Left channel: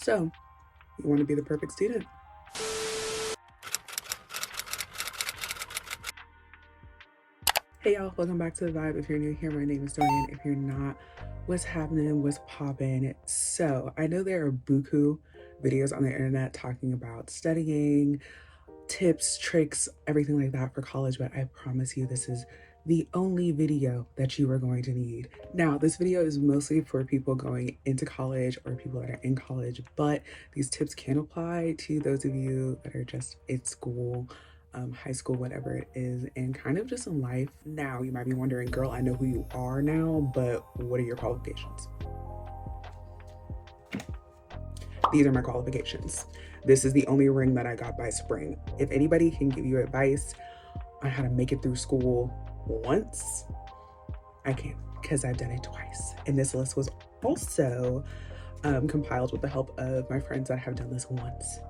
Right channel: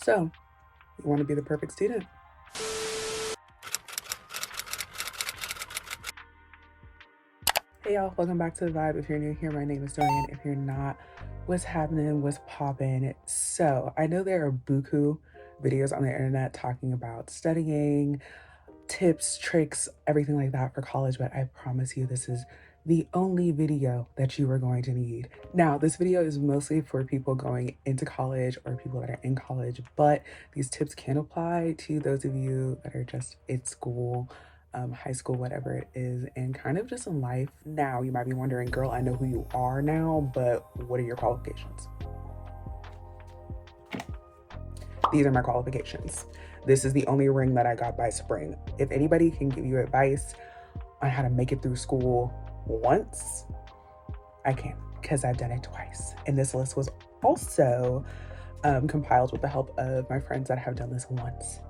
So, you want to be the perfect student? Hey y'all, welcome back to The Vibe. If you're new here, my name is Dorian. If you're not, what's happening, what's poppin'? So, I know there are buku videos on the internet talking about studying, tips, tricks, everything like that for college, but I promise you this is the only video that you are going to need. Now, this video is mostly for people going into college or people that are in college, but these tips can apply to those of you that are just in school, high school, whatever it is, and kind of just in life. Now, you might be wondering, girl, I know who you are now, but what are your qualifications? These are my qualifications. This is the only ring that I got by spring. If anybody can give you advice on how to make it through school once, I can, because I've done it twice. And this list was also compiled with the help of my friends that have done this once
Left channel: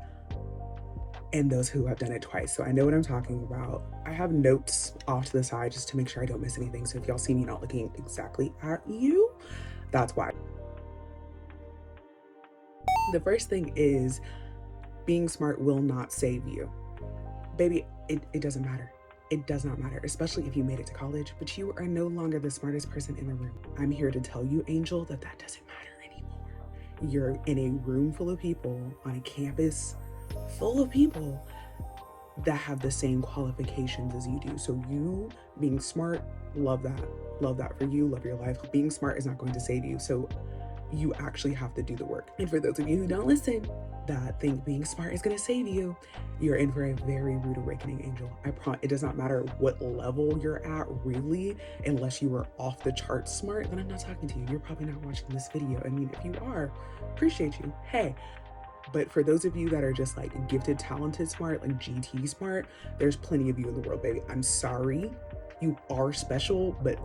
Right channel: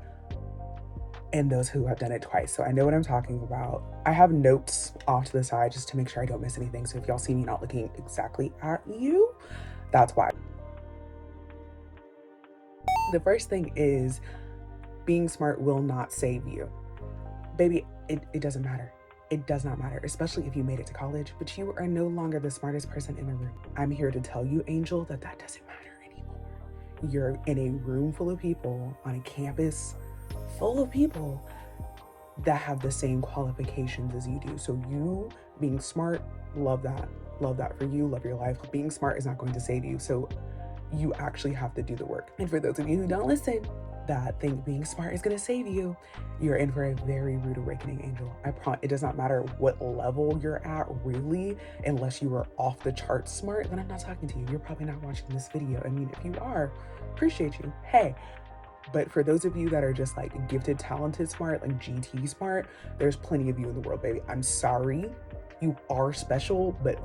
and those who have done it twice. So I know what I'm talking about. I have notes off to the side just to make sure I don't miss anything. So if y'all see me not looking exactly at you, that's why. The first thing is being smart will not save you. Baby, it doesn't matter. It does not matter, especially if you made it to college, but you are no longer the smartest person in the room. I'm here to tell you, Angel, that doesn't matter anymore. You're in a room full of people on a campus full of people that have the same qualifications as you do. So you being smart, love that. Love that for you, love your life. Being smart is not going to save you. So you actually have to do the work. And for those of you who don't listen, that think being smart is going to save you, you're in for a very rude awakening, Angel. I promise. It does not matter what level you're at, really, unless you are off the chart smart, then I'm not talking to you. You're probably not watching this video. I mean, if you are, appreciate you. Hey, but for those of you that are just like gifted, talented, smart, like GT smart, there's plenty of you in the world, baby. I'm sorry, you are special, but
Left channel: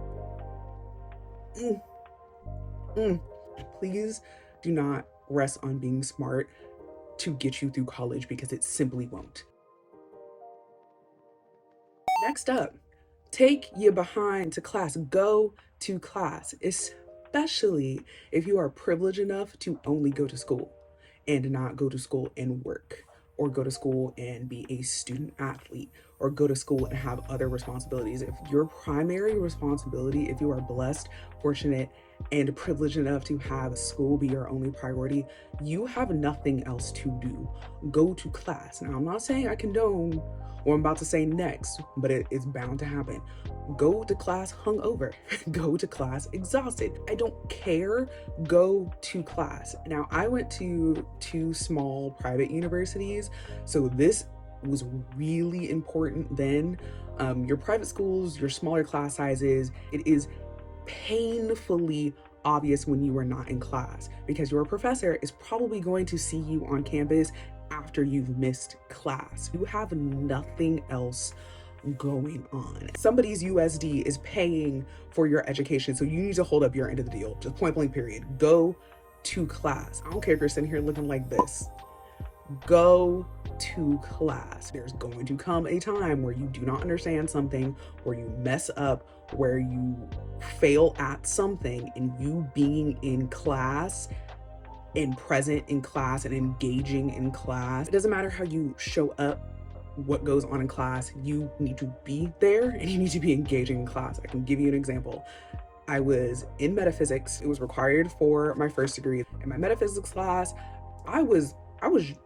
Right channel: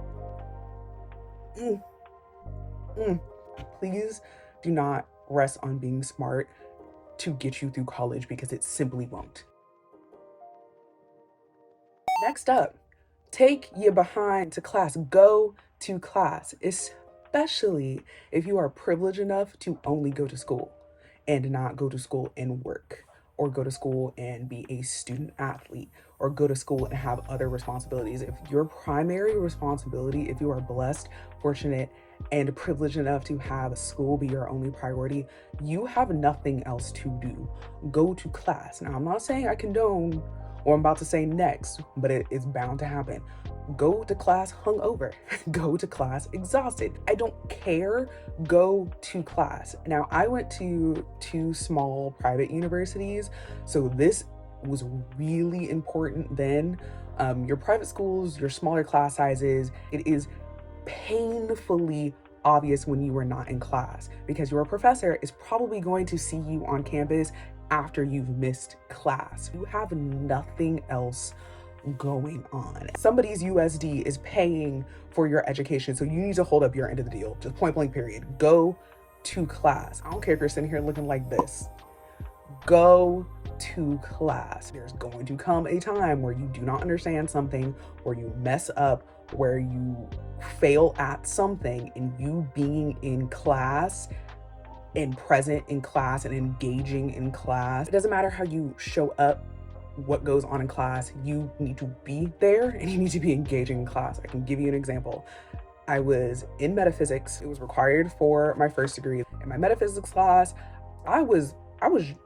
please do not rest on being smart to get you through college, because it simply won't. Next up, take your behind to class. Go to class, especially if you are privileged enough to only go to school and not go to school and work, or go to school and be a student athlete, or go to school and have other responsibilities. If your primary responsibility, if you are blessed, fortunate, and privileged enough to have school be your only priority, you have nothing else to do. Go to class. Now, I'm not saying I condone what I'm about to say next, but it's bound to happen. Go to class hungover. Go to class exhausted. I don't care. Go to class. Now, I went to 2 small private universities, so this was really important then. Your private schools, your smaller class sizes, it is painfully obvious when you are not in class, because your professor is probably going to see you on campus after you've missed class. You have nothing else going on. Somebody's USD is paying for your education, so you need to hold up your end of the deal. Just point blank period. Go to class. I don't care if you're sitting here looking like this. Go to class. There's going to come a time where you do not understand something, where you mess up, where you fail at something, and you being in class and present in class and engaging in class, it doesn't matter how you show up, what goes on in class, you need to be there and you need to be engaging in class. I can give you an example. I was in metaphysics. It was required for my first degree. In my metaphysics class, I was in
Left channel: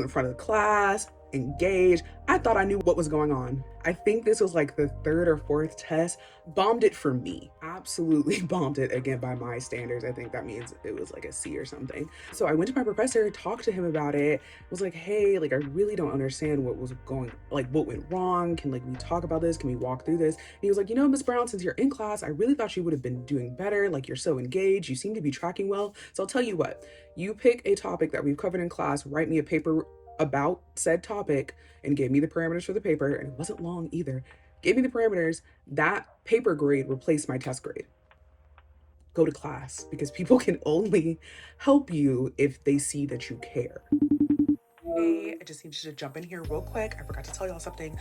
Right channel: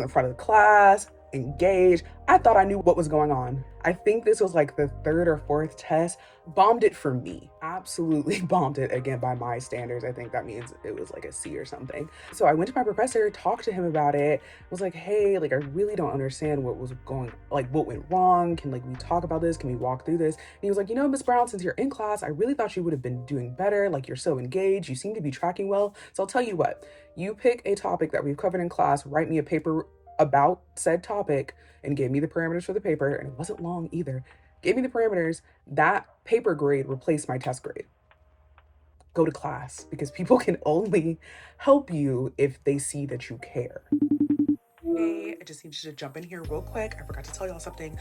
the front of the class, engaged. I thought I knew what was going on. I think this was like the 3rd or 4th test. Bombed it for me. Absolutely bombed it, again, by my standards. I think that means it was like a C or something. So I went to my professor, talked to him about it, was like, hey, like, I really don't understand what was going, like, what went wrong. Can, like, we talk about this? Can we walk through this? And he was like, you know, Miss Brown, since you're in class, I really thought you would have been doing better. Like, you're so engaged. You seem to be tracking well. So I'll tell you what, you pick a topic that we've covered in class, write me a paper about said topic, and gave me the parameters for the paper, and it wasn't long either. Gave me the parameters. That paper grade replaced my test grade. Go to class, because people can only help you if they see that you care. Hey, I just need you to jump in here real quick. I forgot to tell y'all something.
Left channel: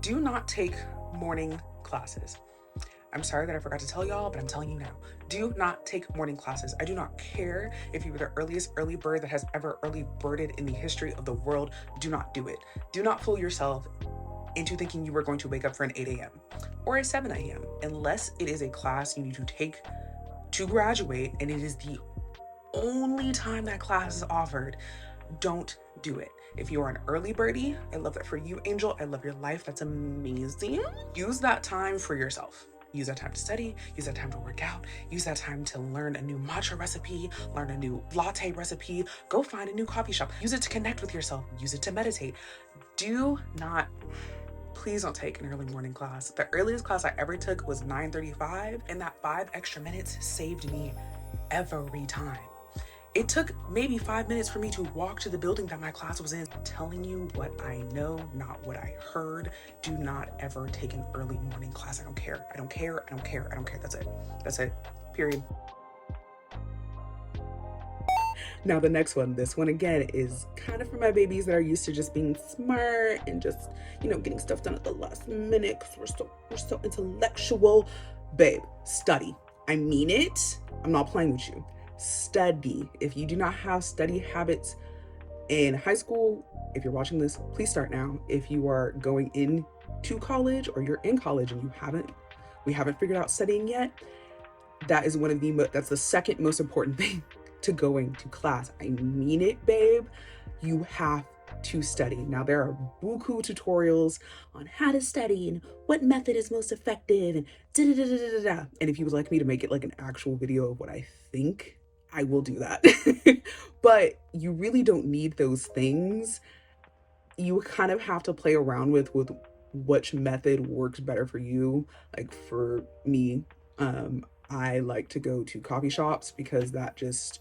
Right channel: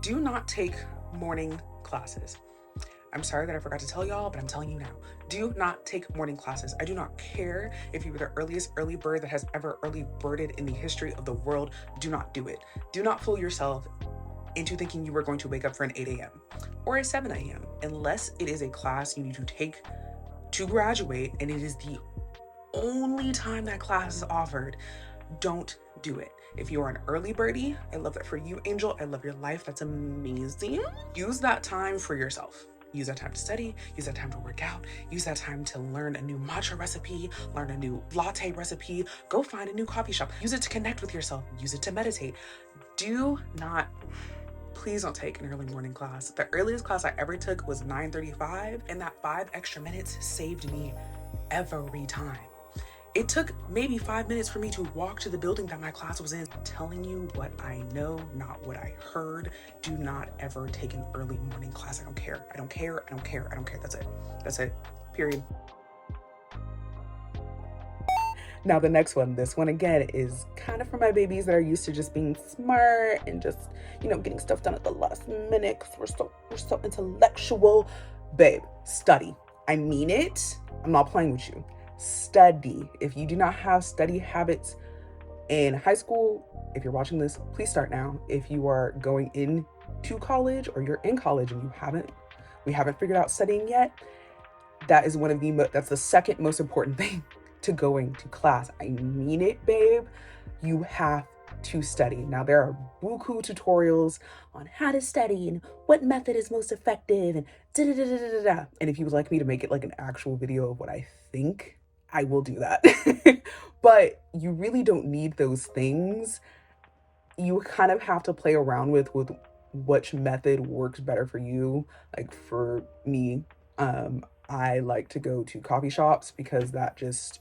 Do not take morning classes. I'm sorry that I forgot to tell y'all, but I'm telling you now. Do not take morning classes. I do not care if you were the earliest early bird that has ever early birded in the history of the world. Do not do it. Do not fool yourself into thinking you are going to wake up for an 8 a.m. or a 7 a.m. unless it is a class you need to take to graduate and it is the only time that class is offered. Don't do it. If you are an early birdie, I love that for you, Angel. I love your life. That's amazing. Use that time for yourself. Use that time to study, use that time to work out, use that time to learn a new matcha recipe, learn a new latte recipe, go find a new coffee shop, use it to connect with yourself, use it to meditate. Please don't take an early morning class. The earliest class I ever took was 9:35, and that 5 extra minutes saved me every time. It took maybe 5 minutes for me to walk to the building that my class was in. I'm telling you what I know, not what I heard. Do not ever take an early morning class. I don't care. I don't care. I don't care. I don't care. That's it. That's it. Period. Now the next one, this one again is kind of for my babies that are used to just being smart and just, getting stuff done at the last minute because we're so intellectual. Babe, study. I mean it. I'm not playing with you. Study. If you do not have study habits in high school, if you're watching this, please start now. If you are going into college or you're in college and we haven't figured out studying yet, that's the second most important thing to going to class. I mean it, babe. You have to study. Now there are buku tutorials on how to study and what method is most effective and da-da-da-da-da-da. And if you would like me to make it like an actual video of what I think, I will do that. But you really don't need those things. You kind of have to play around with which method works better for you. Like for me, I like to go to coffee shops because that just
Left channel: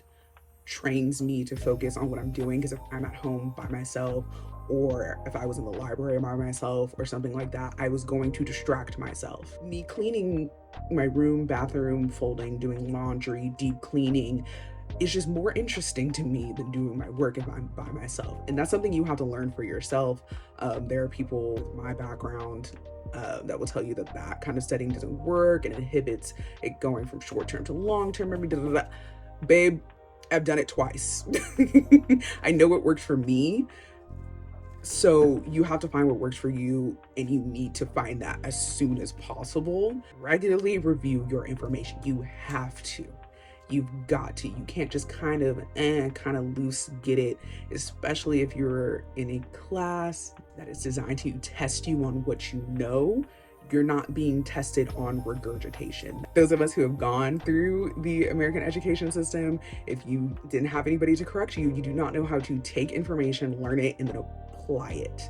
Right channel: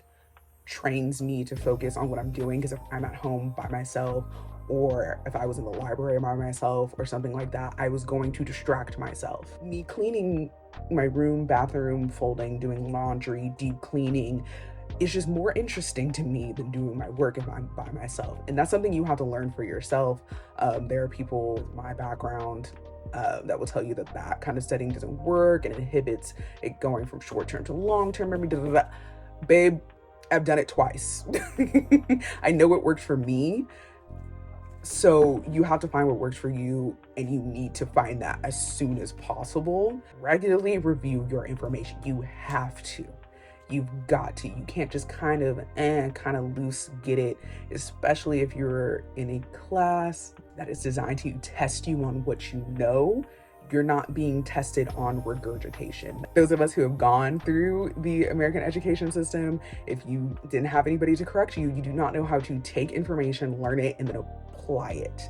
trains me to focus on what I'm doing. Because if I'm at home by myself, or if I was in the library by myself or something like that, I was going to distract myself. Me cleaning my room, bathroom, folding, doing laundry, deep cleaning is just more interesting to me than doing my work if I'm by myself. And that's something you have to learn for yourself. There are people with my background that will tell you that kind of studying doesn't work and inhibits it going from short-term to long-term memory. Babe, I've done it twice. I know what works for me. So you have to find what works for you, and you need to find that as soon as possible. Regularly review your information. You have to. You've got to. You can't just kind of loose get it, especially if you're in a class that is designed to test you on what you know. You're not being tested on regurgitation. Those of us who have gone through the American education system, if you didn't have anybody to correct you, you do not know how to take information, learn it, and then apply it.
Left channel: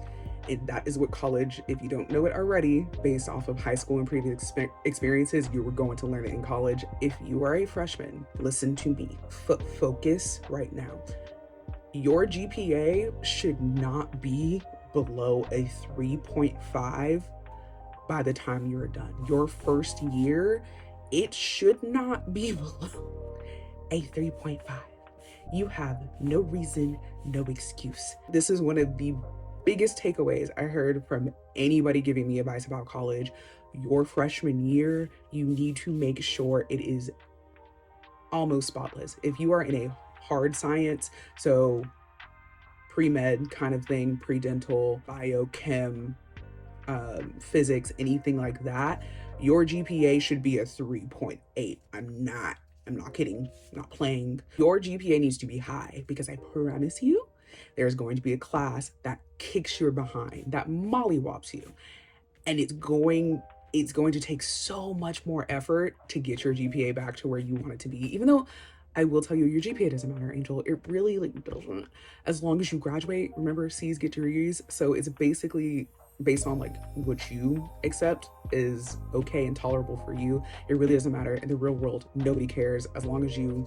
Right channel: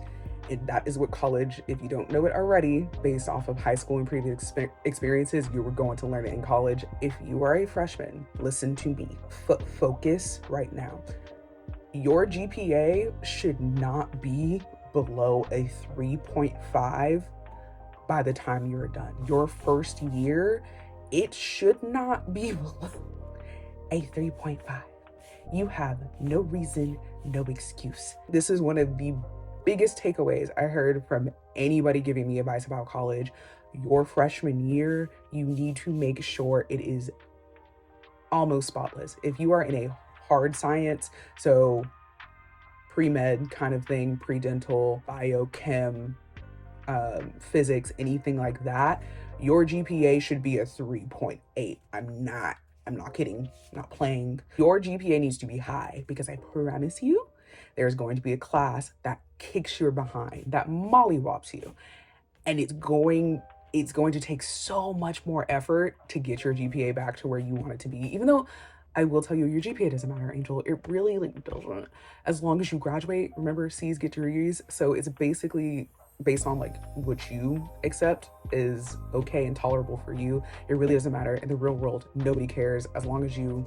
And that is what college, if you don't know it already, based off of high school and previous experiences, you were going to learn it in college. If you are a freshman, listen to me. Focus right now. Your GPA should not be below a 3.5 by the time you're done. Your first year, it should not be below a 3.5. You have no reason, no excuse. This is one of the biggest takeaways I heard from anybody giving me advice about college. Your freshman year, you need to make sure it is almost spotless. If you are in a hard science, so pre-med kind of thing, pre-dental, biochem, physics, anything like that, your GPA should be a 3.8. I'm not kidding, not playing. Your GPA needs to be high, because I promise you, there's going to be a class that kicks your behind, that mollywops you. And it's going to take so much more effort to get your GPA back to where you want it to be. Even though I will tell you, your GPA doesn't matter, Angel. It really doesn't. As long as you graduate, remember, C's get your E's. So it's basically based on what you accept is okay and tolerable for you. It really doesn't matter. In the real world, nobody cares. As long as you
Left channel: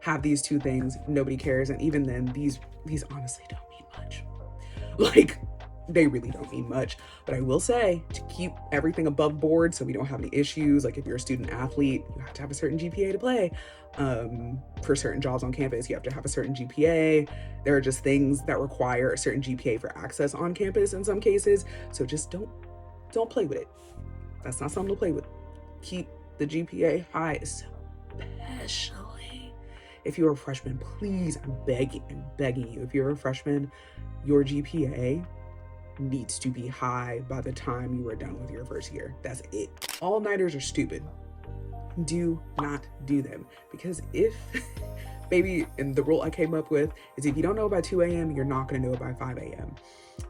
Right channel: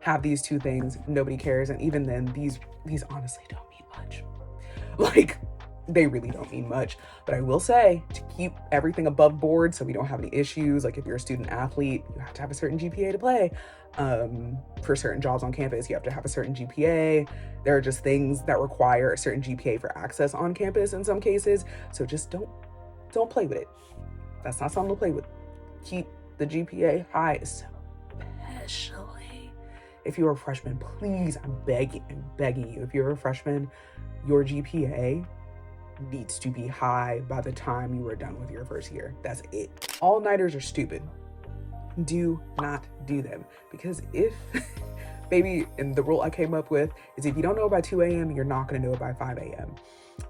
have these two things, nobody cares. And even then, these honestly don't mean much. They really don't mean much. But I will say, to keep everything above board so we don't have any issues, if you're a student athlete, you have to have a certain GPA to play. For certain jobs on campus, you have to have a certain GPA. There are just things that require a certain GPA for access on campus in some cases. So just don't play with it. That's not something to play with. keep the GPA high, especially if you're a freshman. Please, I'm begging you. If you're a freshman, your GPA needs to be high by the time you are done with your first year. That's it. All-nighters are stupid. Do not do them, because if maybe, and the rule I came up with is if you don't know it by 2 a.m., you're not going to know it by 5 a.m.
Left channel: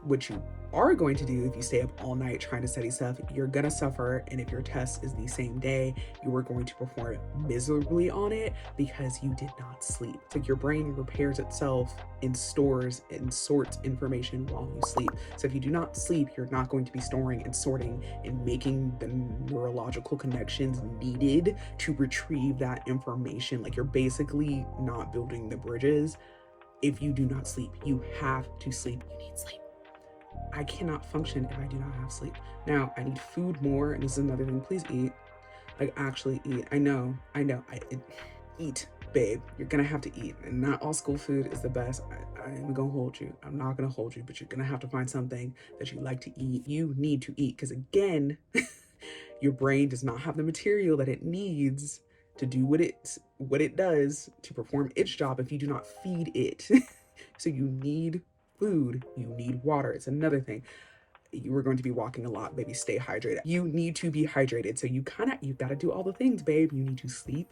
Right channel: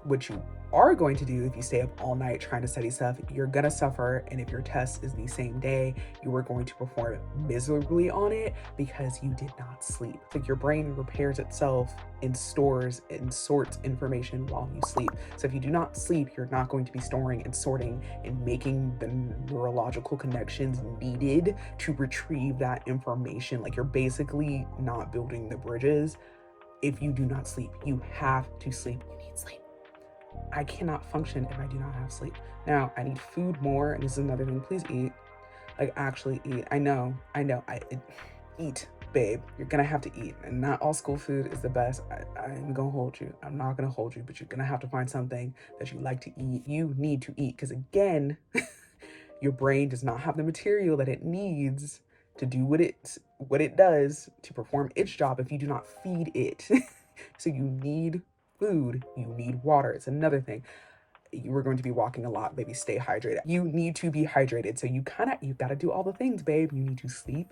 What you are going to do if you stay up all night trying to study stuff, you're going to suffer. And if your test is the same day, you are going to perform miserably on it because you did not sleep. It's like your brain repairs itself and stores and sorts information while you sleep. So if you do not sleep, you're not going to be storing and sorting and making the neurological connections needed to retrieve that information. Like, you're basically not building the bridges. If you do not sleep, you have to sleep. You need sleep. I cannot function if I do not have sleep. Now, I need food more, and this is another thing. Please eat. Like, actually eat. I know. Eat, babe. You're gonna have to eat, and not all school food is the best. I'm gonna hold you. I'm not gonna hold you, but you're gonna have to find something that you like to eat. You need to eat, because again, your brain does not have the material that it needs to do what it does to perform its job if you do not feed it. So you need food, you need water. It's another thing. You are going to be walking a lot, baby. Stay hydrated. You need to be hydrated. So you gotta do all the things, babe. You need to sleep,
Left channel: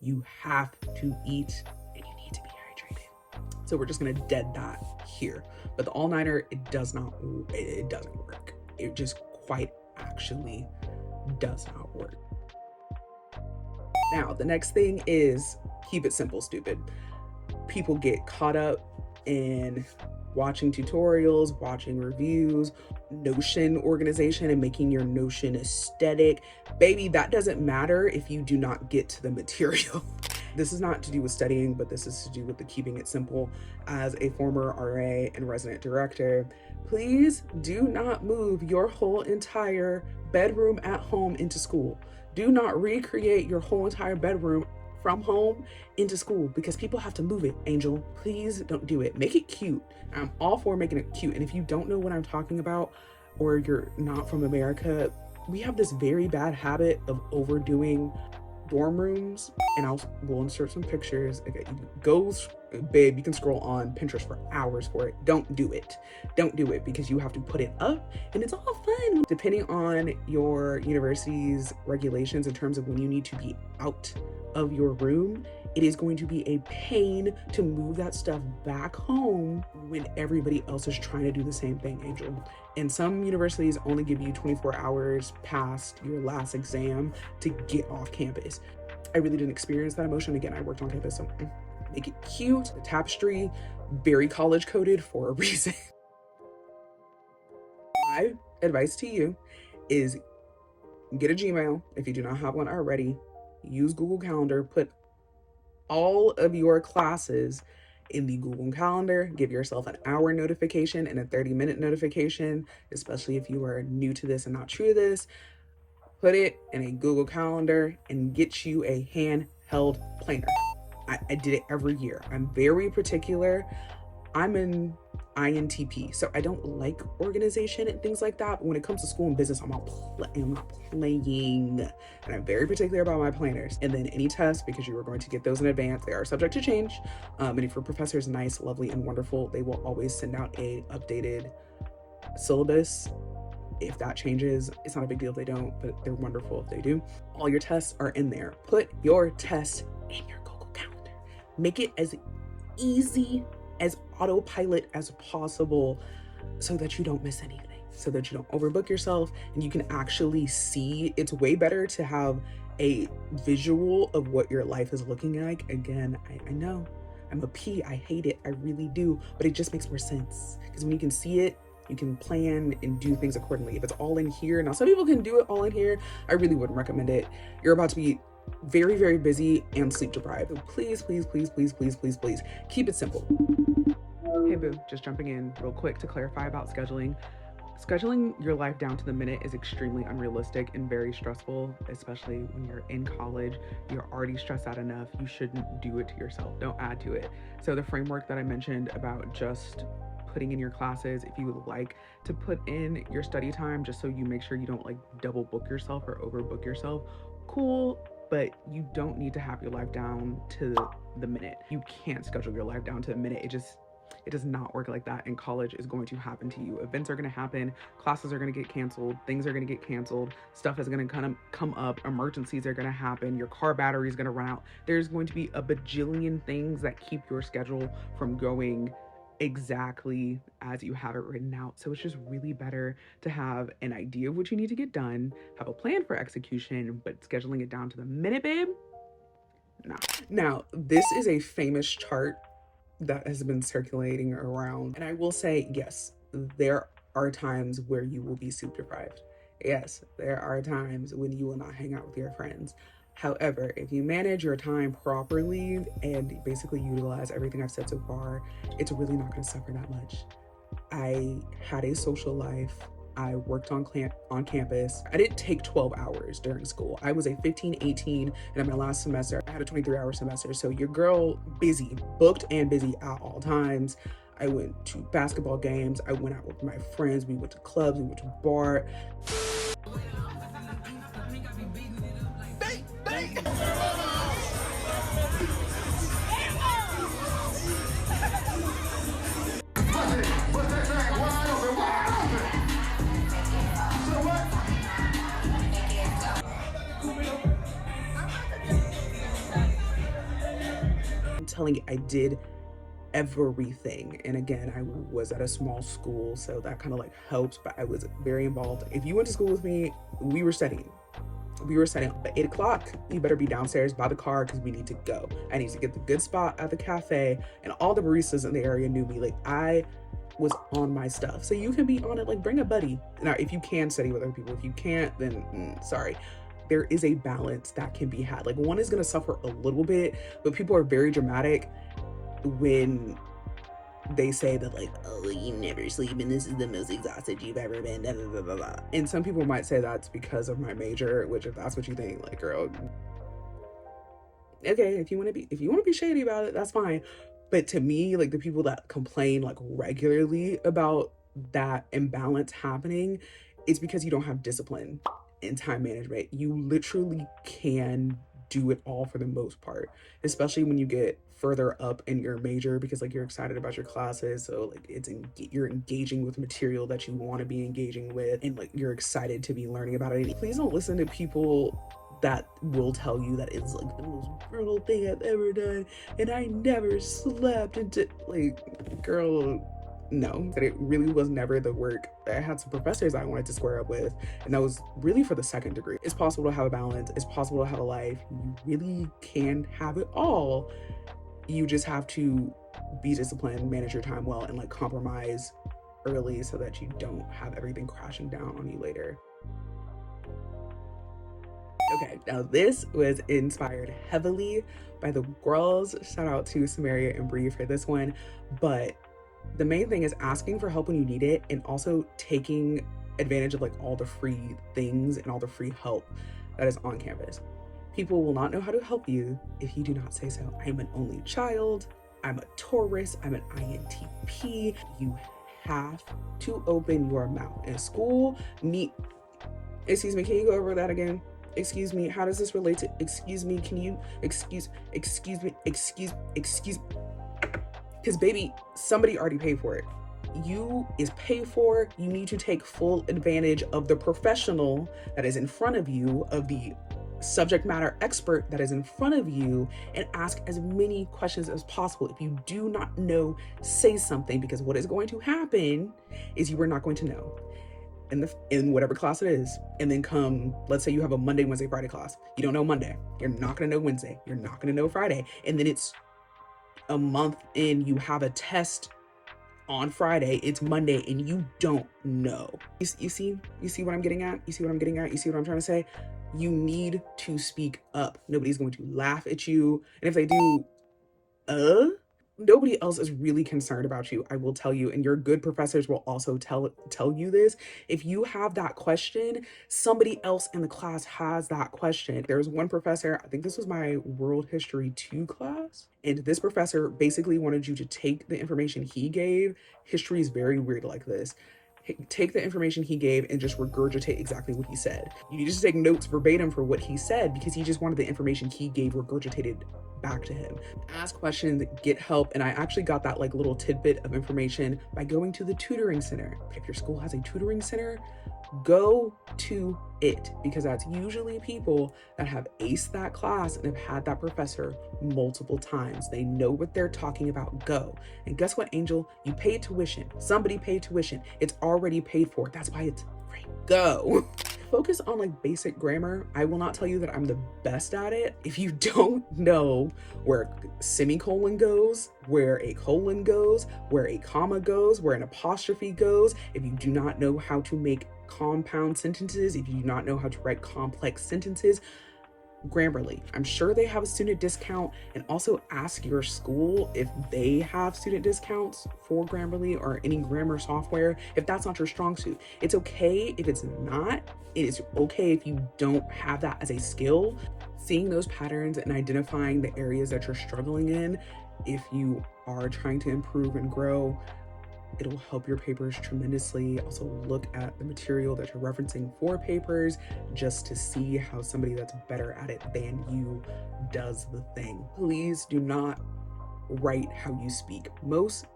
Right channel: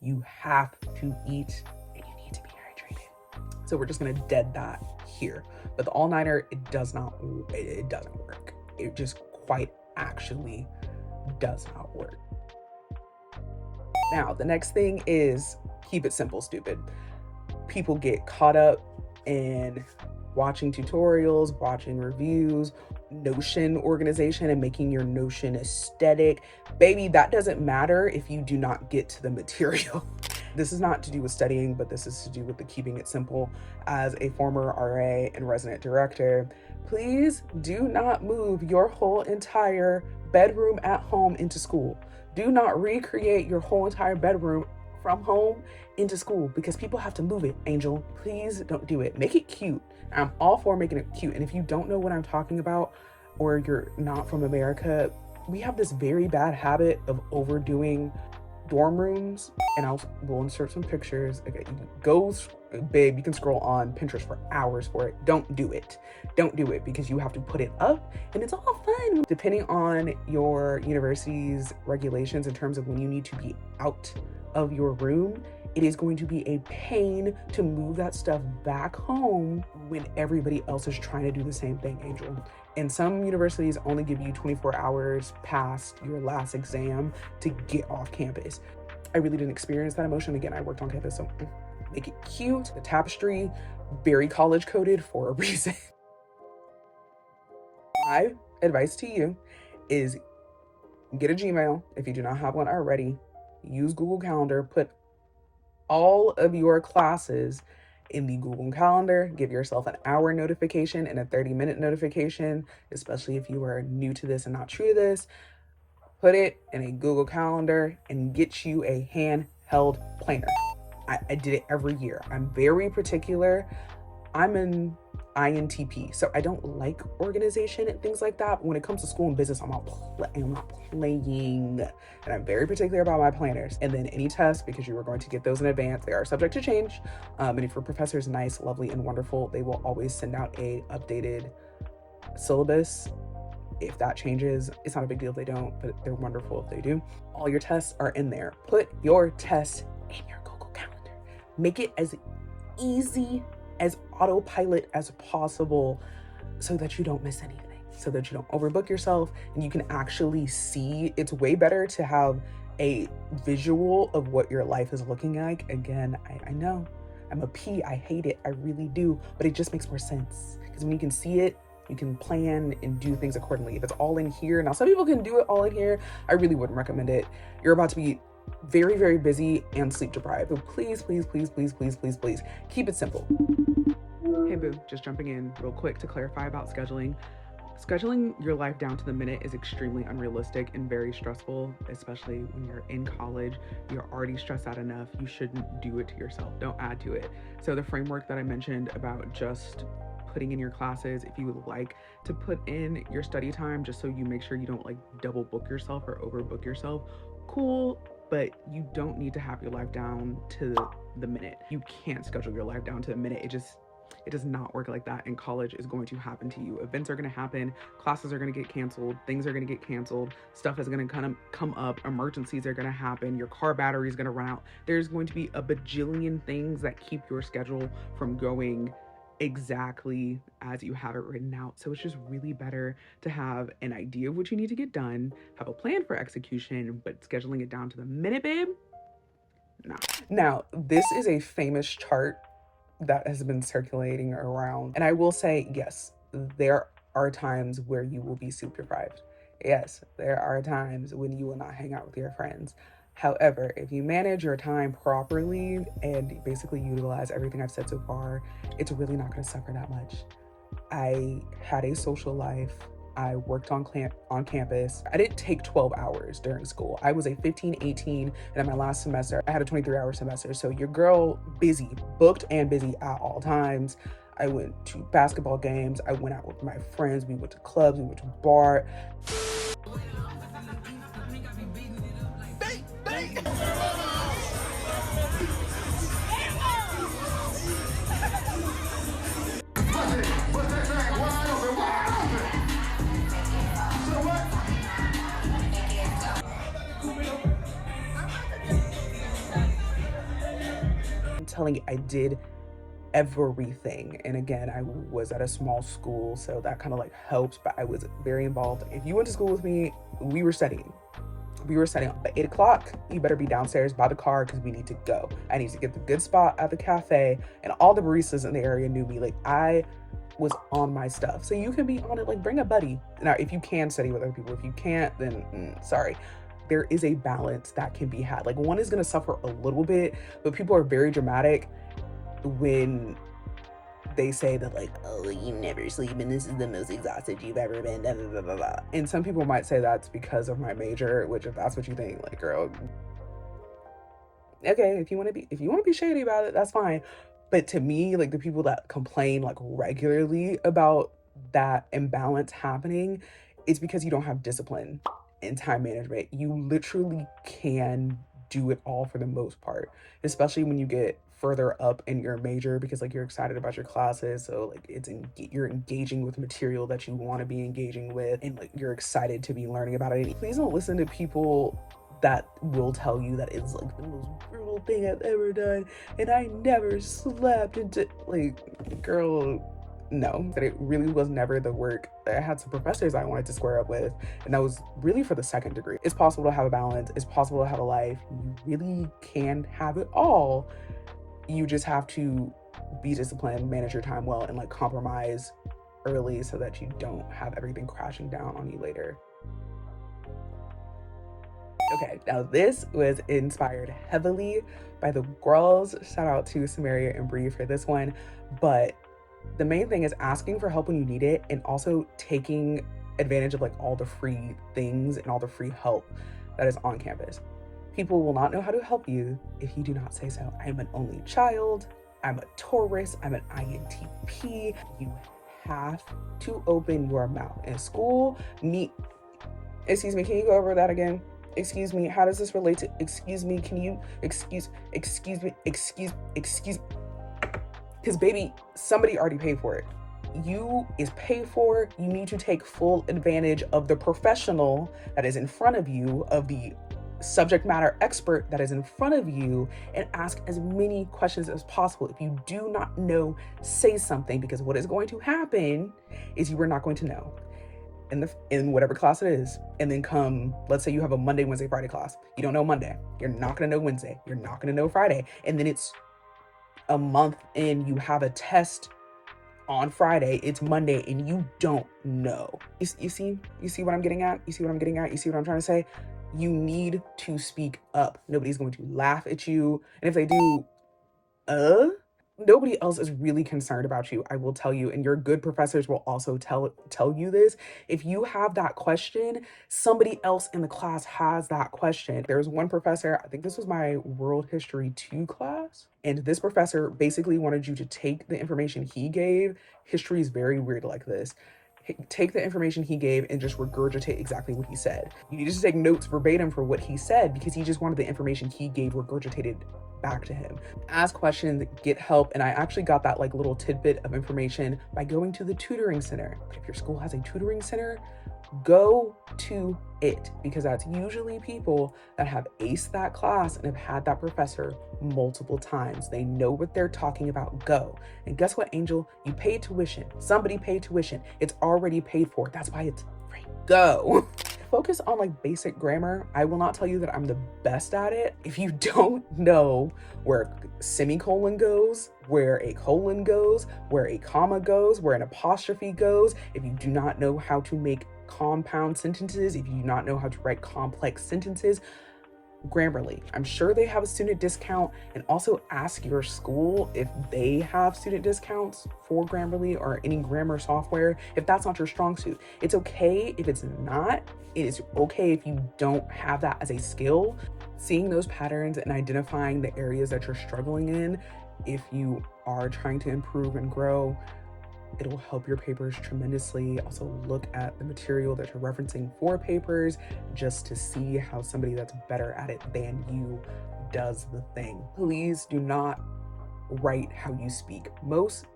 you have to eat, and you need to be hydrated. So we're just gonna dead that here. But the all-nighter, it doesn't work. It just quite actually does not work. Now, the next thing is keep it simple, stupid. People get caught up in watching tutorials, watching reviews, Notion organization, and making your Notion aesthetic. Baby, that doesn't matter if you do not get to the material. This is not to do with studying, but this is to do with the keeping it simple. As a former RA and resident director, please do not move your whole entire bedroom at home into school. Do not recreate your whole entire bedroom from home into school, because people have to move it, Angel. Please don't do it. Make it cute. I'm all for making it cute. And if you don't know what I'm talking about, or you're not from America, we have this very bad habit of overdoing dorm rooms. And we'll insert some pictures. Okay, babe, you can scroll on Pinterest for hours for it. Don't do it. Don't do it, because you have to put it up, and it's all fun. Depending on your university's regulations in terms of when you need to be out of your room, it is going to be a pain to move that stuff back home when everybody else is trying to do the same thing, Angel. And some universities only give you 24 hours past your last exam to get off campus. I really didn't experience that emotion. Again, I worked on campus, so make it cute. The tapestry, very college coded for a reason. My advice to you is get a Gmail if you do not have one already. Use Google Calendar. Put all of your classes in the Google Calendar. Give yourself an hour notification and a 30-minute notification, especially if you are new to this and not true to this. Put it in a Google Calendar and get you a handheld planner. I did it every year. I'm very particular. I'm an INTP, so I don't like organization and things like that. But when it comes to school and business, I'm not playing. And I'm very particular about my planners. And then any tests, because you are going to get those in advance, they are subject to change. And if your professor is nice, lovely, and wonderful, they will always send out a updated syllabus. If that changes, it's not a big deal if they don't, but they're wonderful if they do. All your tests are in there. Put your tests in your Google Calendar. Make it as easy as autopilot as possible so that you don't miss anything, so that you don't overbook yourself, and you can actually see. It's way better to have a visual of what your life is looking like. Again, I know I'm a P, I hate it, I really do, but it just makes more sense, because when you can see it, you can plan and do things accordingly. If it's all in here, now some people can do it all in here, I really wouldn't recommend it. You're about to be very, very busy and sleep deprived. So please, please, please, please, please, please, please keep it simple. Hey boo, just jumping in real quick to clarify about scheduling. Scheduling your life down to the minute is extremely unrealistic and very stressful, especially when you're in college. You're already stressed out enough. You shouldn't do it to yourself. Don't add to it. So the framework that I mentioned about just putting in your classes, if you would like to put in your study time, just so you make sure you don't like double book yourself or overbook yourself, cool. But you don't need to have your life down to the minute. You can't schedule your life down to the minute. It does not work like that, and college is going to happen to you. Events are going to happen, classes are going to get canceled, things are going to get canceled, stuff is going to kind of come up, emergencies are going to happen, your car battery is going to run out. There's going to be a bajillion things that keep your schedule from going exactly as you have it written out. So it's just really better to have an idea of what you need to get done, have a plan for execution, but scheduling it down to the minute, babe, nah. Now, this is a famous chart that has been circulating around, and I will say, yes, there are times where you will be sleep deprived. Yes, there are times when you will not hang out with your friends. However, if you manage your time properly and basically utilize everything I've said so far, it's really not going to suffer that much. I had a social life. I worked on campus. I didn't take 12 hours during school. I was a 15, 18, and in my last semester, I had a 23-hour semester. So your girl busy, booked and busy at all times. I went to basketball games. I went out with my friends. We went to clubs. We went to bar. I'm telling you, I did everything. And again, I was at a small school, so that kind of like helps, but I was very involved. If you went to school with me, we were studying. By 8 o'clock, you better be downstairs by the car because we need to go. I need to get the good spot at the cafe, and all the baristas in the area knew me. Like, I was on my stuff. So you can be on it, like bring a buddy. Now, if you can study with other people, if you can't, then sorry. There is a balance that can be had. Like, one is going to suffer a little bit, but people are very dramatic when they say that, like, oh, you never sleep and this is the most exhausted you've ever been, blah, blah, blah, blah. And some people might say that's because of my major, which if that's what you think, like, girl, okay, if you want to be shady about it, that's fine. But to me, like, the people that complain like regularly about that imbalance happening, it's because you don't have discipline and time management. You literally can do it all for the most part, especially when you get further up in your major, because like you're excited about your classes, so like you're engaging with material that you want to be engaging with, and like you're excited to be learning about it. Please don't listen to people that will tell you that it's like the most brutal thing I've ever done and I never slept into, like, girl, no. But it really was never the work. I had some professors I wanted to square up with, and that was really for the second degree. It's possible to have a balance. It's possible to have a life. You really can have it all. You just have to be disciplined, manage your time well, and like compromise early so that you don't have everything crashing down on you later. Okay, now this was inspired heavily by the girls. Shout out to Samaria and Bree for this one. But the main thing is asking for help when you need it, and also taking advantage of like all the free things and all the free help that is on campus. People will not know how to help you if you do not say so. I'm an only child. I'm a Taurus. I'm an INTP. You have to open your mouth. In school, excuse me, can you go over that again? Excuse me, how does this relate to, excuse me, can you, excuse me, because baby, somebody already paid for it. You is paid for. You need to take full advantage of the professional that is in front of you, of the subject matter expert that is in front of you, and ask as many questions as possible. If you do not know, say something, because what is going to happen is you are not going to know in whatever class it is. And then come, let's say you have a Monday, Wednesday, Friday class. You don't know Monday. You're not going to know Wednesday. You're not going to know Friday. And then it's a month in, you have a test on Friday, it's Monday, and you don't know. You see what I'm getting at? You see what I'm trying to say? You need to speak up. Nobody's going to laugh at you. And if they do, nobody else is really concerned about you, I will tell you, and your good professors will also tell you this. If you have that question, somebody else in the class has that question. There was one professor, I think this was my world history 2 class, and this professor basically wanted you to take the information he gave. History is very weird like this. Take the information he gave and just regurgitate exactly what he said. You need to take notes verbatim for what he said, because he just wanted the information he gave regurgitated back to him. Ask questions, get help. And I actually got that like little tidbit of information by going to the tutoring center. If your school has a tutoring center, go to it, because that's usually people that have aced that class and have had that professor multiple times. They know what they're talking about. Go. And guess what, Angel? You paid tuition. Somebody paid tuition. It's already paid for. That's why it's free. Go. Focus on like basic grammar. I will not tell you that I'm the best at it. If you don't know where a semicolon goes, where a colon goes, where a comma goes, where an apostrophe goes, if you do not know how to make compound sentences, if you do not know how to write complex sentences, Grammarly. I'm sure they have a student discount, and also ask your school if they have student discounts for Grammarly or any grammar software if that's not your strong suit. It's okay if it's not. It is okay if you don't have that as a skill. Seeing those patterns and identifying the areas that you're struggling in, if you are trying to improve and grow, it'll help your papers tremendously. Also look at the material that you're referencing for papers, just to see how somebody that's better at it than you does the thing. Please do not write how you speak. Most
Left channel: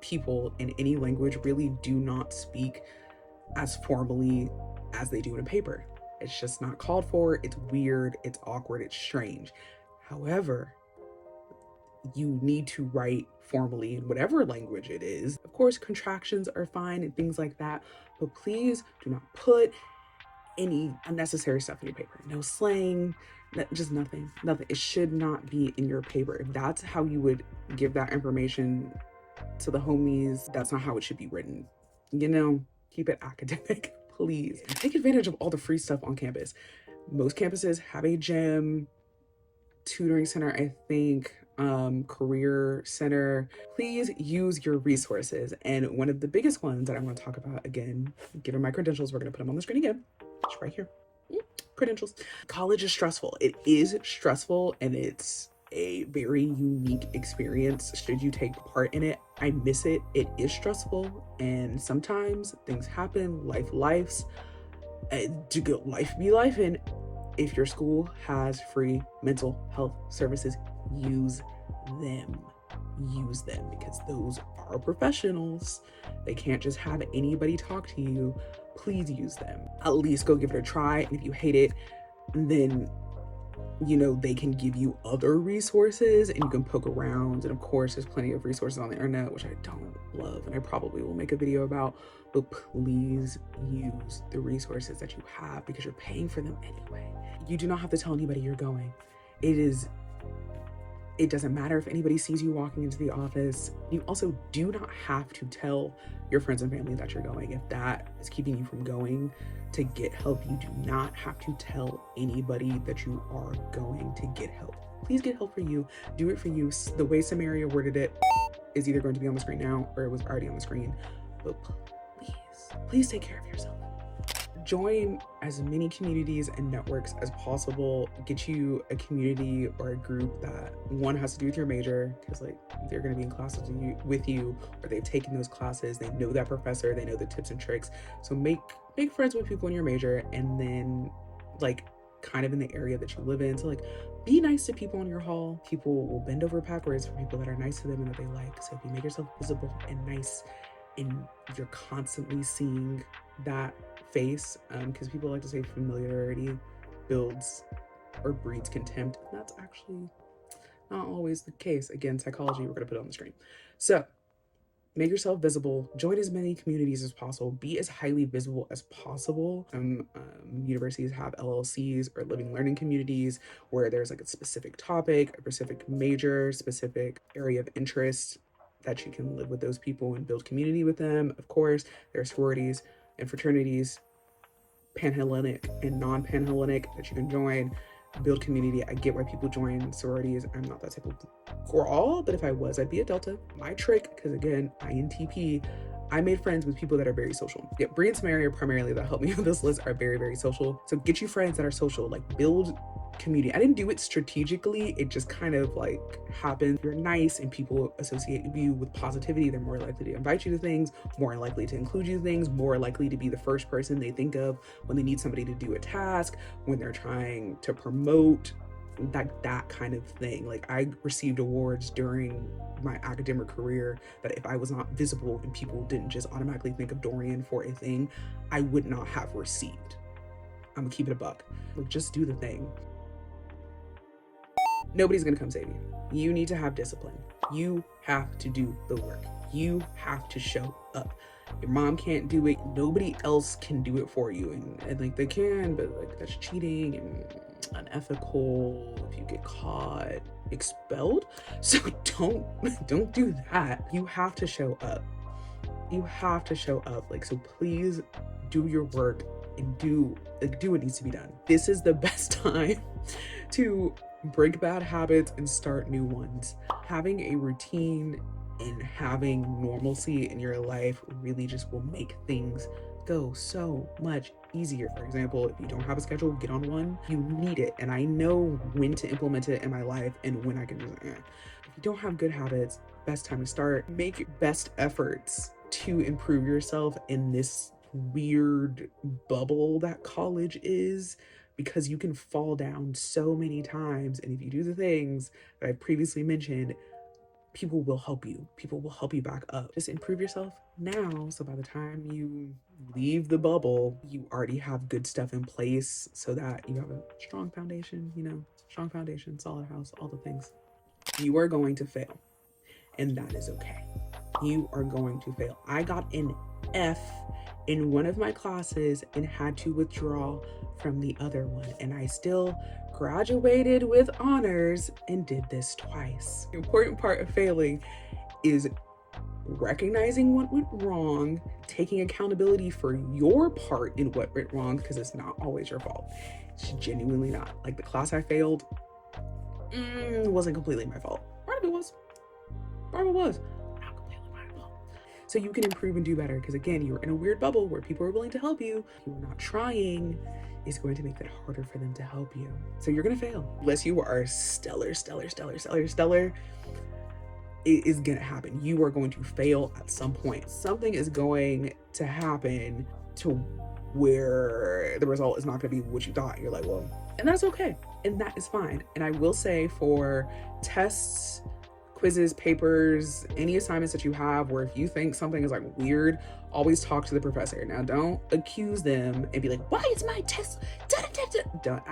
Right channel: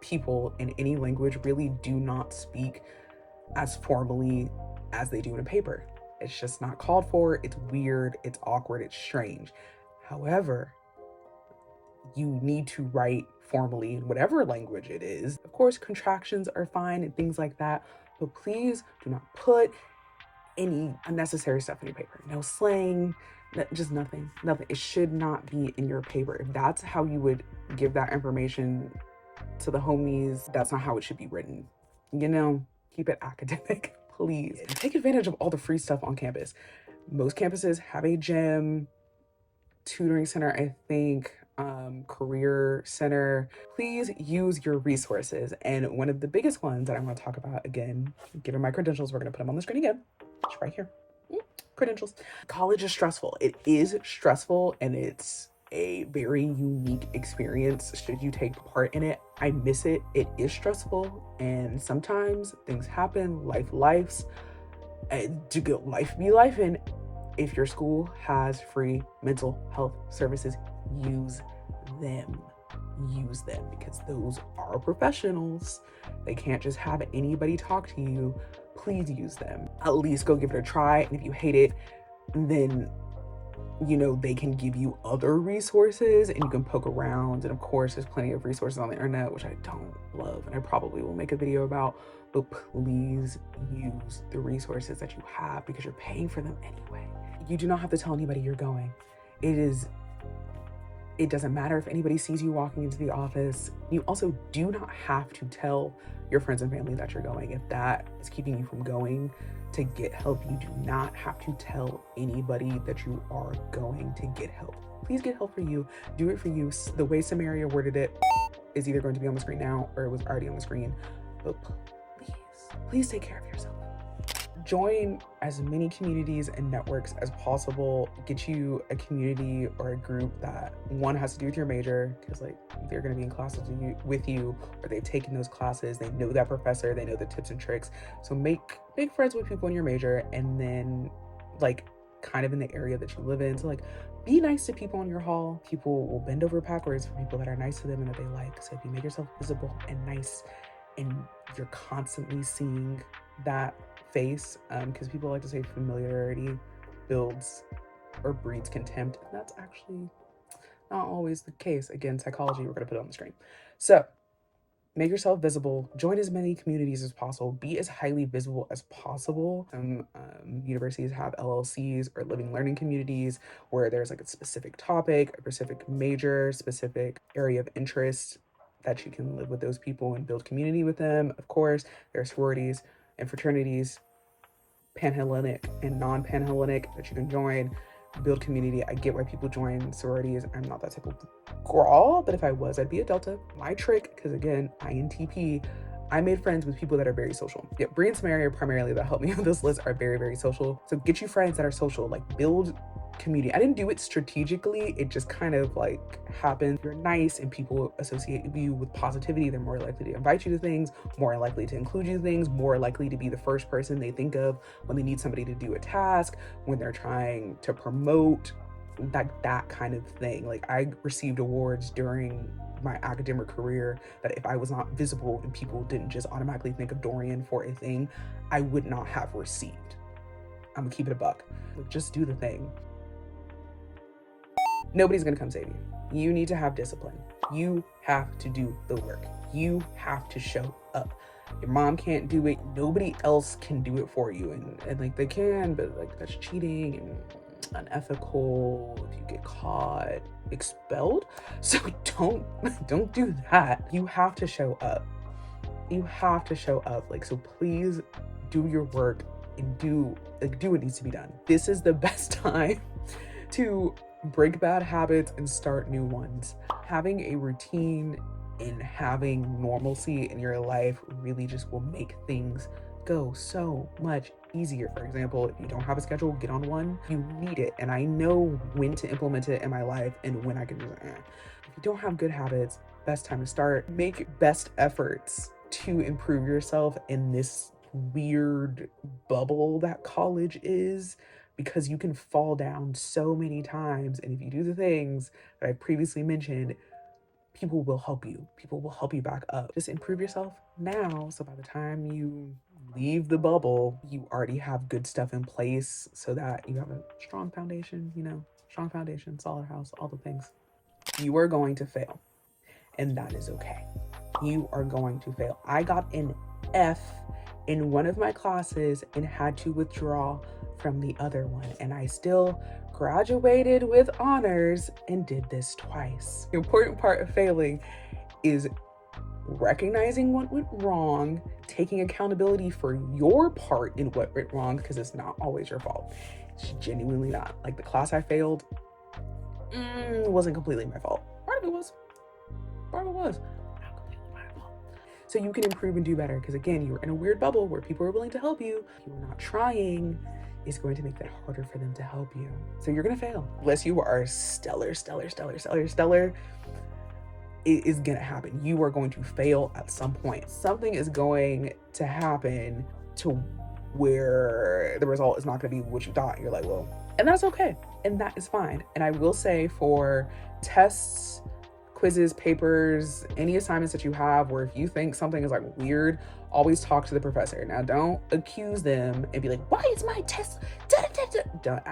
people in any language really do not speak as formally as they do in a paper. It's just not called for. It's weird, it's awkward, it's strange. However, you need to write formally in whatever language it is. Of course, contractions are fine and things like that, but please do not put any unnecessary stuff in your paper. No slang, just nothing. It should not be in your paper. If that's how you would give that information to the homies, that's not how it should be written. You know, keep it academic, please. Take advantage of all the free stuff on campus. Most campuses have a gym, tutoring center, I think, career center. Please use your resources. And one of the biggest ones that I want to talk about, again, given my credentials, we're going to put them on the screen again. It's right here. Credentials. College is stressful. It is stressful, and it's a very unique experience should you take part in it. I miss it. It is stressful, and sometimes things happen. Life be life. And if your school has free mental health services, use them. Use them, because those are professionals. They can't just have anybody talk to you. Please use them. At least go give it a try. And if you hate it, then you know they can give you other resources and you can poke around. And of course, there's plenty of resources on the internet, which I don't love and I probably will make a video about, but please use the resources that you have, because you're paying for them anyway. You do not have to tell anybody you're going. It doesn't matter if anybody sees you walking into the office. You also do not have to tell your friends and family that you're going. If that is keeping you from going to get help, you do not have to tell anybody that you are going to get help. Please get help for you. Do it for you. The way Samaria worded it is either going to be on the screen now or it was already on the screen. But please take care of yourself. Join as many communities and networks as possible. Get you a community or a group that one has to do with your major, because like they're going to be in classes with you, or they've taken those classes, they know that professor, they know the tips and tricks. So make friends with people in your major, and then like kind of in the area that you live in. So like be nice to people in your hall. People will bend over backwards for people that are nice to them and that they like. So if you make yourself visible and nice, and you're constantly seeing that face, because people like to say familiarity builds or breeds contempt, and that's actually not always the case. Again, psychology, we're going to put it on the screen. So make yourself visible, join as many communities as possible, be as highly visible as possible. Some universities have LLCs or living learning communities where there's like a specific topic, a specific major, specific area of interest that you can live with those people and build community with them. Of course, there are sororities and fraternities, Panhellenic and non-Panhellenic, that you can join. build community. I get why people join sororities. I'm not that type of girl, but if I was, I'd be a Delta. My trick, because again, INTP, I made friends with people that are very social. Yeah, Brie and Samaria primarily that helped me with this list are very, very social. So get you friends that are social, like build community. I didn't do it strategically. It just kind of like happened. You're nice and people associate you with positivity. They're more likely to invite you to things, more likely to include you in things, more likely to be the first person they think of when they need somebody to do a task, when they're trying to promote, that kind of thing. Like I received awards during my academic career that if I was not visible and people didn't just automatically think of Dorian for a thing, I would not have received. I'm gonna keep it a buck. Like just do the thing. Nobody's gonna come save you. You need to have discipline. You have to do the work. You have to show up. Your mom can't do it. Nobody else can do it for you. And like they can, but like that's cheating and unethical. If you get caught, expelled. So don't do that. You have to show up. You have to show up. Like, so please do your work and do what needs to be done. This is the best time to break bad habits and start new ones. Having a routine and having normalcy in your life really just will make things go so much easier. For example, if you don't have a schedule, get on one. You need it. And I know when to implement it in my life and when I can do it. If you don't have good habits, best time to start. Make best efforts to improve yourself in this weird bubble that college is, because you can fall down so many times. And if you do the things that I previously mentioned, people will help you. People will help you back up. Just improve yourself now, so by the time you leave the bubble, you already have good stuff in place so that you have a strong foundation, strong foundation, solid house, all the things. You are going to fail, and that is okay. You are going to fail. I got an F in one of my classes and had to withdraw from the other one, and I still graduated with honors and did this twice. The important part of failing is recognizing what went wrong, taking accountability for your part in what went wrong, because it's not always your fault. It's genuinely not. Like the class I failed wasn't completely my fault. Part of it was. Not completely my fault. So you can improve and do better, because again, you're in a weird bubble where people are willing to help you. You're not trying. Is going to make that harder for them to help you. So you're gonna fail. Unless you are stellar, it is gonna happen. You are going to fail at some point. Something is going to happen to where the result is not gonna be what you thought. You're like, well, and that's okay. And that is fine. And I will say for tests, quizzes, papers, any assignments that you have where if you think something is like weird, always talk to the professor. Now, don't accuse them and be like, why is my test? Don't.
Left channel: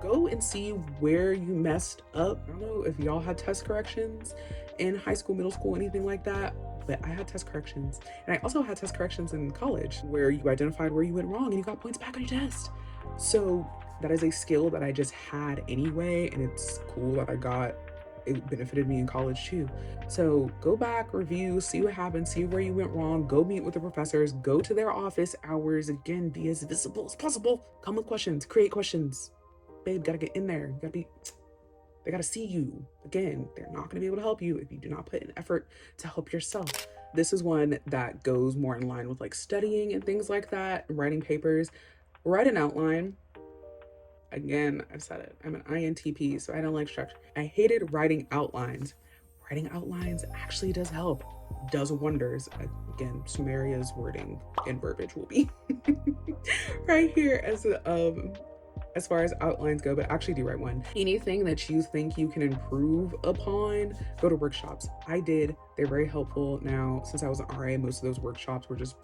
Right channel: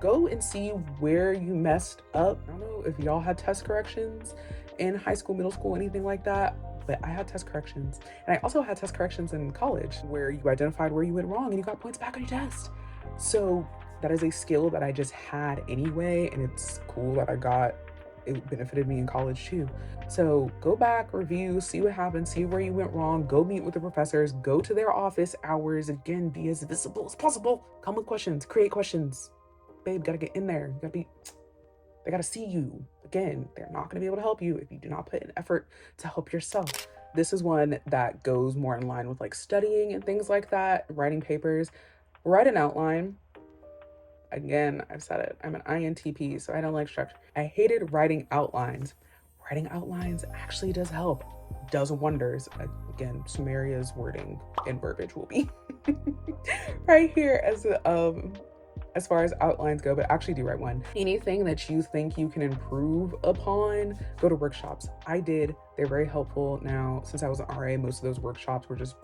Go and see where you messed up. I don't know if y'all had test corrections in high school, middle school, anything like that, but I had test corrections. And I also had test corrections in college where you identified where you went wrong and you got points back on your test. So that is a skill that I just had anyway, and it's cool that it benefited me in college too. So go back, review, see what happened, see where you went wrong, go meet with the professors, go to their office hours. Again, be as visible as possible. Come with questions, create questions. Babe, gotta get in there. They gotta see you. Again, they're not gonna be able to help you if you do not put an effort to help yourself. This is one that goes more in line with like studying and things like that, writing papers. Write an outline. Again, I've said it, I'm an INTP, so I don't like structure. I hated writing outlines. Writing outlines actually does help, does wonders. Again, Sumeria's wording and verbiage will be right here as far as outlines go, but actually do write one. Anything that you think you can improve upon, go to workshops. I did, they're very helpful. Now, since I was an RA, most of those workshops were just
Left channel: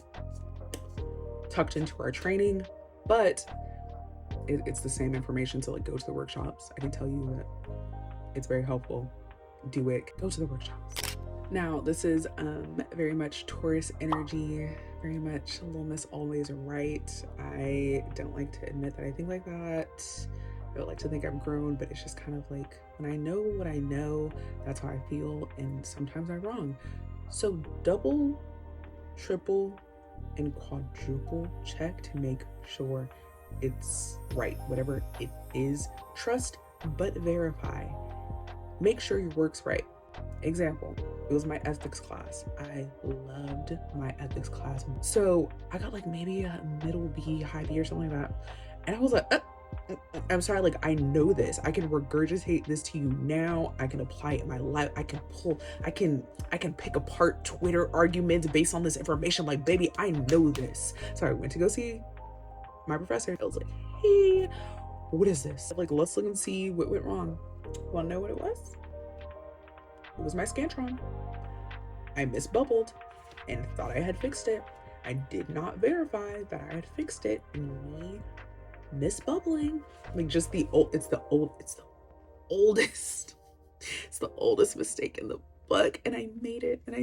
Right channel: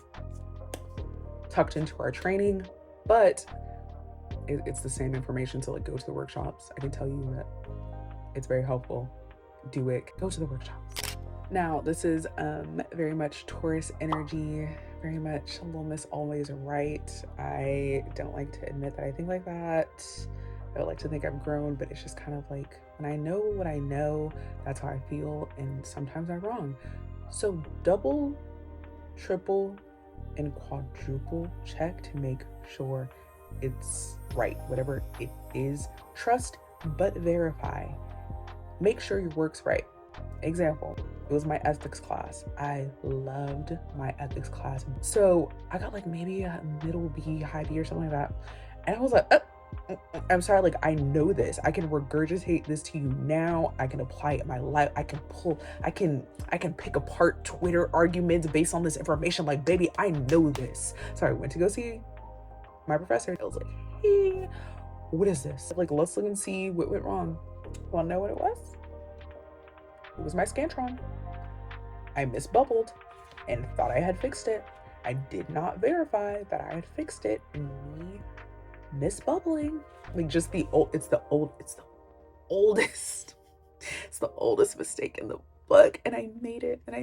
tucked into our training, but it's the same information, so like go to the workshops. I can tell you that it's very helpful. Do it, go to the workshops. Now, this is very much Taurus energy, very much Little Miss Always Right. I don't like to admit that I think like that. I don't like to think I'm grown, but it's just kind of like when I know what I know, that's how I feel, and sometimes I'm wrong. So double, triple, and quadruple check to make sure it's right. Whatever it is, trust but verify. Make sure your work's right. Example, it was my ethics class. I loved my ethics class. So I got like maybe a middle B, high B or something like that. And I was like, I'm sorry, like I know this. I can regurgitate this to you now. I can apply it in my life. I can pick apart Twitter arguments based on this information. Like, baby, I know this. So I went to go see my professor. I was like, hey, what is this? Like, let's look and see what went wrong. Wanna know what it was? It was my Scantron. I misbubbled and thought I had fixed it. I did not verify that I had fixed it. Me misbubbling, like just it's the oldest mistake in the book, and I made it, and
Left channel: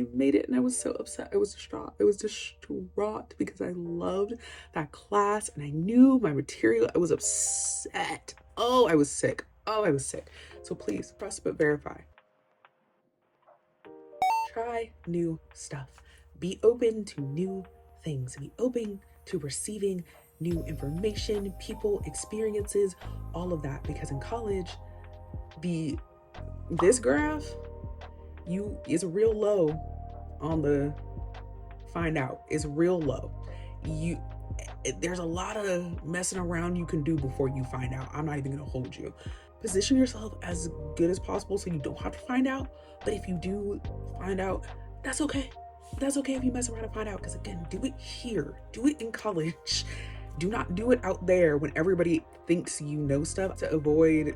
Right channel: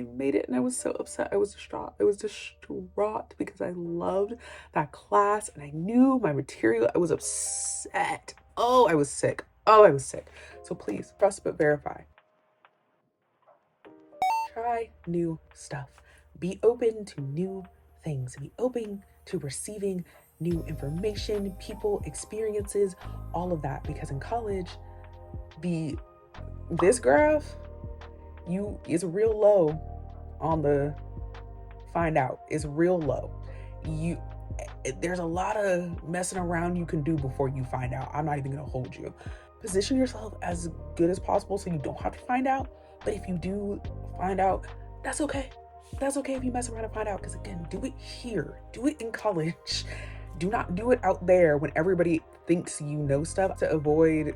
I was so upset. I was distraught because I loved that class and I knew my material. I was upset. I was sick. So please trust but verify. Try new stuff. Be open to new things. Be open to receiving new information, people, experiences, all of that. Because in college, this graph is real low on the find out. It's real low. There's a lot of messing around you can do before you find out. I'm not even gonna hold you. Position yourself as good as possible so you don't have to find out. But if you do find out, that's okay. That's okay if you mess around and find out, because again, do it here. Do it in college. Do not do it out there when everybody thinks you know stuff, to avoid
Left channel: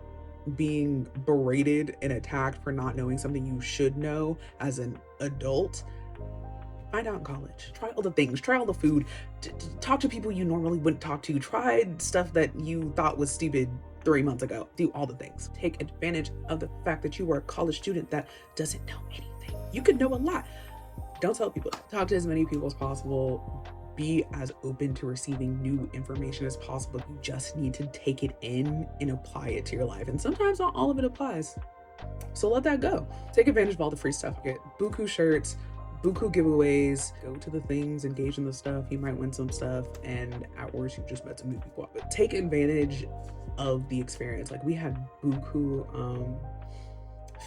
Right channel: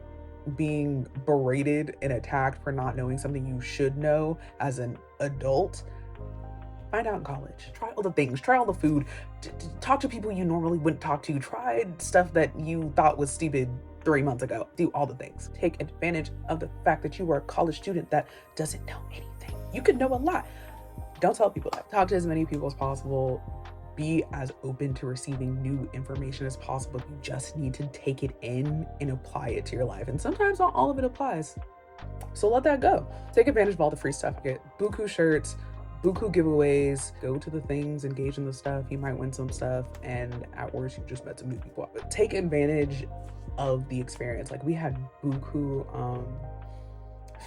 being berated and attacked for not knowing something you should know as an adult. Find out in college. Try all the things. Try all the food. Talk to people you normally wouldn't talk to. Try stuff that you thought was stupid 3 months ago. Do all the things. Take advantage of the fact that you are a college student that doesn't know anything. You could know a lot. Don't tell people that. Talk to as many people as possible. Be as open to receiving new information as possible. You just need to take it in and apply it to your life. And sometimes not all of it applies. So let that go. Take advantage of all the free stuff. Get buku shirts, buku giveaways, go to the things, engage in the stuff. You might win some stuff, and at worst, you just met some new people. But take advantage of the experience. Like, we had buku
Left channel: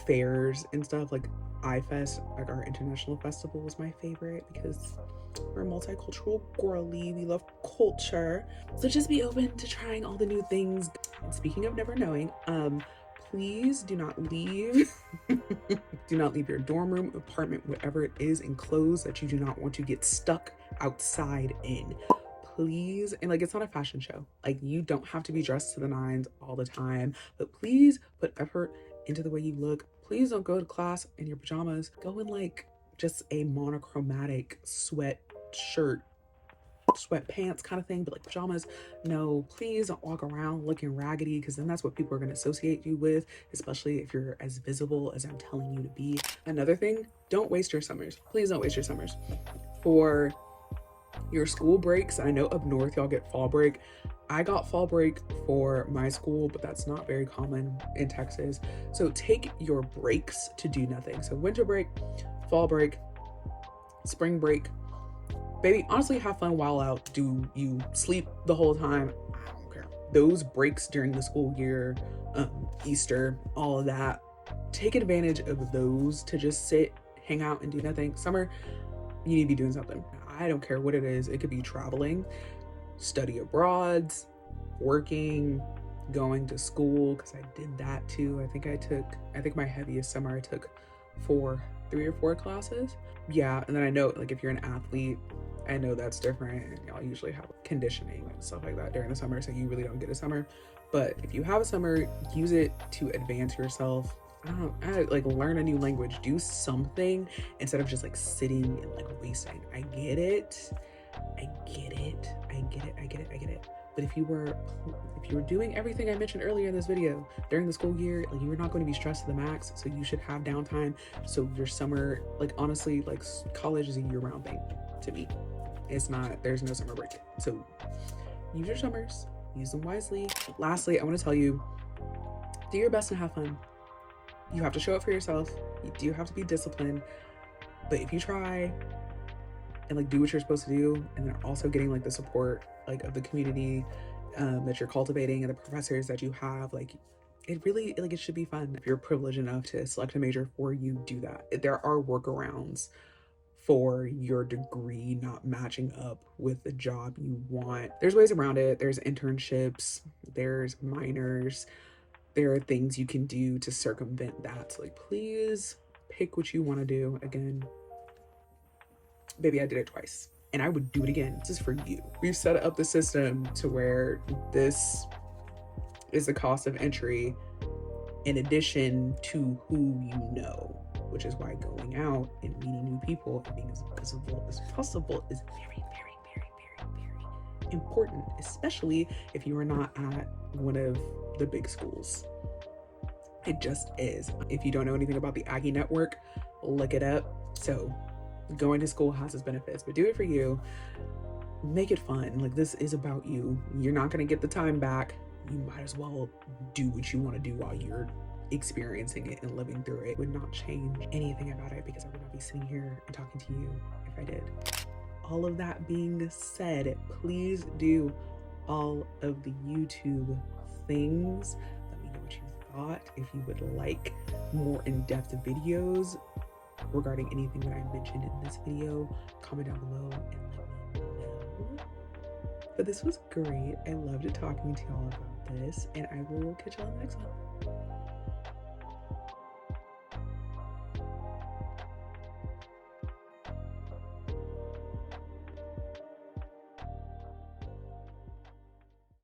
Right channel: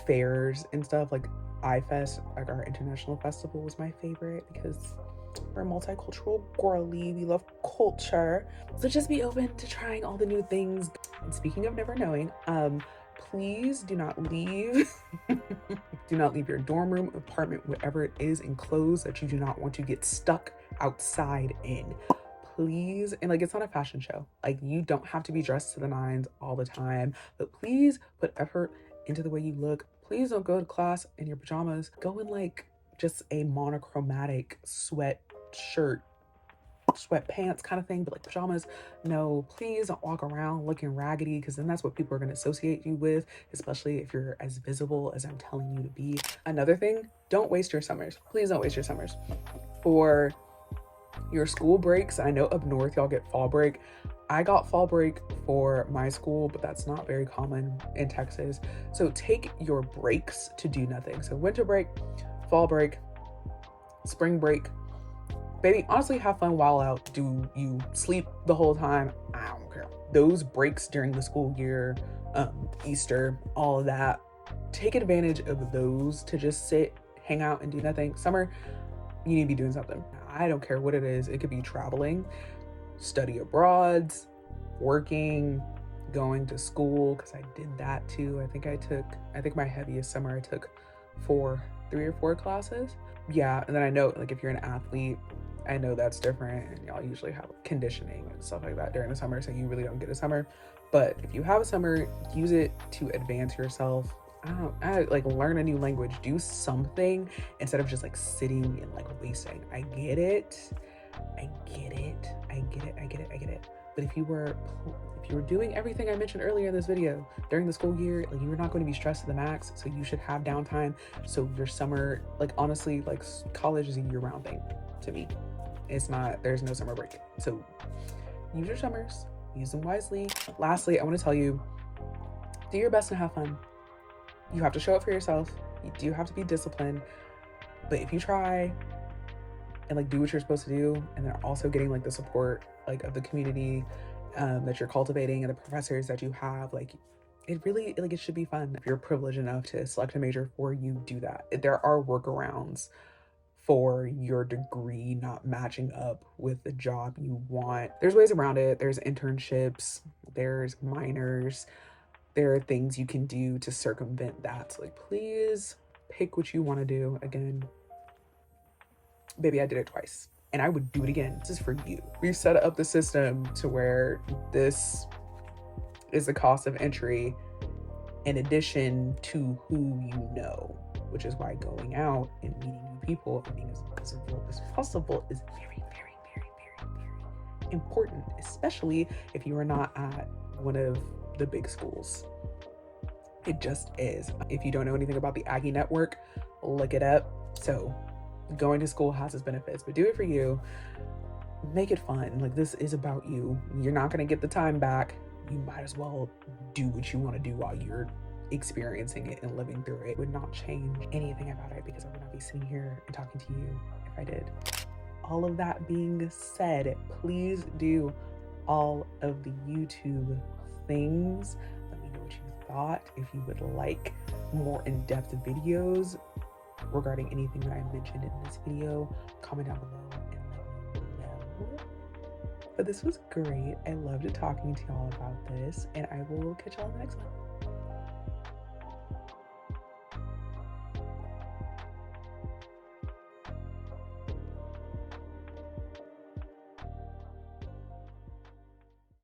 fairs and stuff. Like iFest, like our international festival, was my favorite because we're multicultural girly. We love culture. So just be open to trying all the new things. And speaking of never knowing, please do not leave do not leave your dorm room, apartment, whatever it is, in clothes that you do not want to get stuck outside in. Please. And like, it's not a fashion show. Like, you don't have to be dressed to the nines all the time, but please put effort into the way you look. Please don't go to class in your pajamas. Go in like just a monochromatic sweatshirt, sweatpants kind of thing, but like pajamas. No, please don't walk around looking raggedy, because then that's what people are going to associate you with, especially if you're as visible as I'm telling you to be. Another thing, don't waste your summers. Please don't waste your summers. For your school breaks, I know up north y'all get fall break. I got fall break for my school, but that's not very common in Texas. So take your breaks to do nothing. So winter break, fall break, spring break. Baby, honestly, have fun while out. Do you sleep the whole time? I don't care. Those breaks during the school year, Easter, all of that, take advantage of those to just sit, hang out, and do nothing. Summer, you need to be doing something. I don't care what it is. It could be traveling, study abroad, working, going to school, because I did that too. I think my heaviest summer I took 3 or 4 classes. Yeah, and then I know, like, if you're an athlete, I know that's different, and y'all usually have conditioning and stuff like that during the summer, so you really don't get a summer. But if you have a summer, use it to advance yourself. Like, learn a new language, do something instead of just like sitting and like wasting. I get it. But if you were doing everything I mentioned earlier in this video during the school year, like, you're not going to be stressed to the max, so you should have downtime. So your summer, like, honestly, like, college is a year-round thing to me. It's not, there's no summer break. So use your summers, use them wisely. Lastly, I want to tell you, do your best and have fun. You have to show up for yourself. You do have to be disciplined. But if you try and like do what you're supposed to do, and then also getting like the support like of the community that you're cultivating and the professors that you have. Like, it really, like, it should be fun. If you're privileged enough to select a major for you, do that. There are workarounds for your degree not matching up with the job you want. There's ways around it. There's internships, there's minors, there are things you can do to circumvent that. So, like, please pick what you want to do. Again, baby, I did it twice and I would do it again. This is for you. We've set up the system to where this is the cost of entry in addition to who you know, which is why going out and meeting new people and being as visible as possible is very, very, very, very, very important, especially if you are not at one of the big schools. It just is. If you don't know anything about the Aggie network, look it up. So going to school has its benefits, but do it for you. Make it fun. Like, this is about you. You're not going to get the time back. You might as well do what you want to do while you're experiencing it and living through it. It would not change anything about it because I would not be sitting here and talking to you if I did. All of that being said, please do all of the YouTube things. Let me know what you thought. If you would like more in-depth videos regarding anything that I mentioned in this video, comment down below and let me know. But this was great. I loved talking to y'all about this, and I will catch y'all in the next one.